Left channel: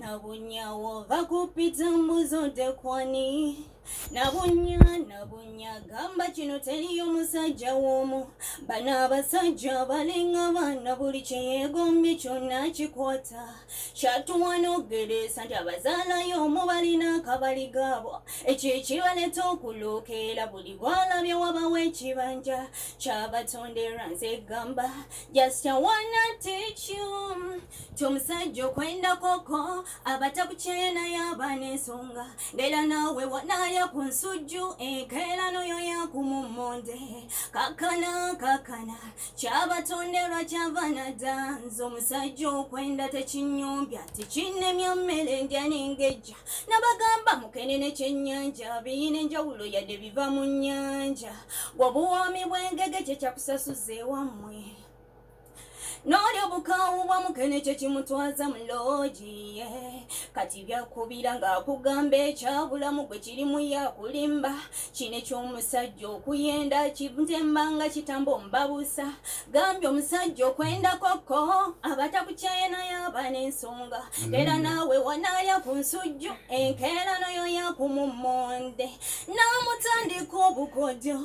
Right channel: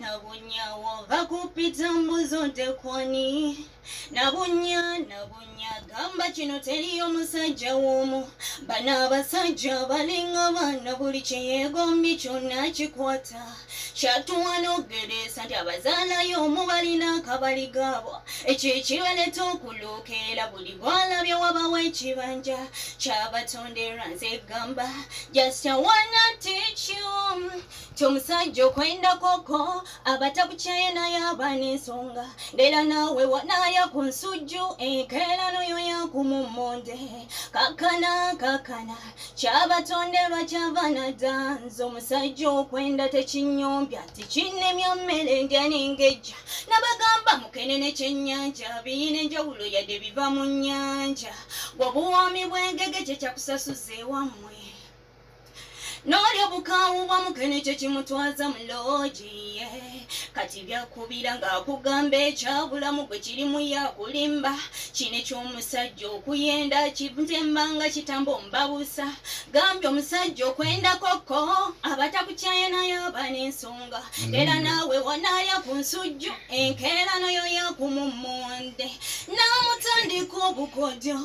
nabunyawo bakupita mbuzo tekwani nabunya gamba kino teriyo musajja w'omu bano abasajja balinga baana buli kyeyegombye kyonna kikwata kyatuwanogeresa nti abazaalayo omu balina akabali gaabo ekyo ekibaleta okulookera buli gwalabye wabawo ekibanja kyabatonderwa nze gamba just wanna teach you ti omusajja okwenda koko abatakukyaye naye abaana ensonga ndera naawe wanaaya ku nsujju enkeerano yo yakumumonde kakana kyabatonderwa kyavaana danza omusajja okwenda tekinyombya tikinnemya mmere ndya n'engejja nabagamba mukenene kyennyanja biyina enjawulo yadde biva mu nnyanja bwobuwoomi bw'engege kye kyakusasuza ewammwe n'olyo bukaawu bwa mukene kye kimutwaza mu loogi kati byakubira ng'akugamba ekyabulamu gwe kirimu yakulimba kino eky'omusajja okuyenda kitembanga kitamba omubabusa gambye omusajja okwenda koko abatakukyaye naye abaana ensonga era naawe wanaaya ku nsujju enkeerano yo yakumumonde n'amutandika obukodyo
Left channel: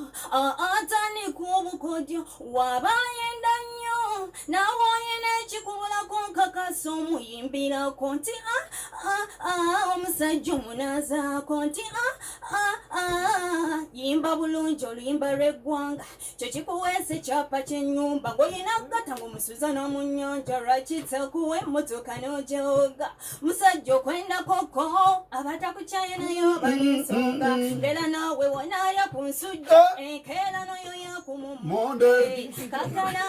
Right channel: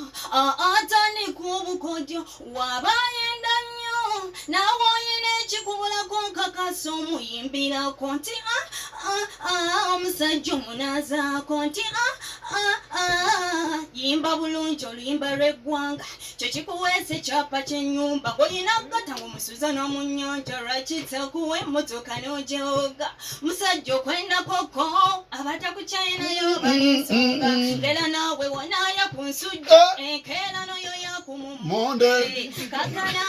atandika obukodyo wabayenda nnyo nawoye n'ekikubulako nkakasa omuyimbirako nti omusajja omunaazaako nti yimba bulungi oluyimba lw'eggwanga kyo kikuweesa ekyapa ky'ennyumba ng'olina ggata ng'omusuza n'omu nnyanja lwakitakuwa emmotoka n'ogyoga musajja okwenda koko abatakukyaye naye obala ensonga era naawe wanaaya ku nsujja enkeerano yo yakumumonde kakana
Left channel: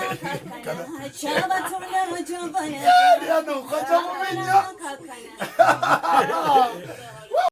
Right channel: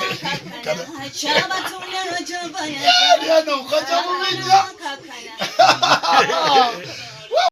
kyabatondero gy'obana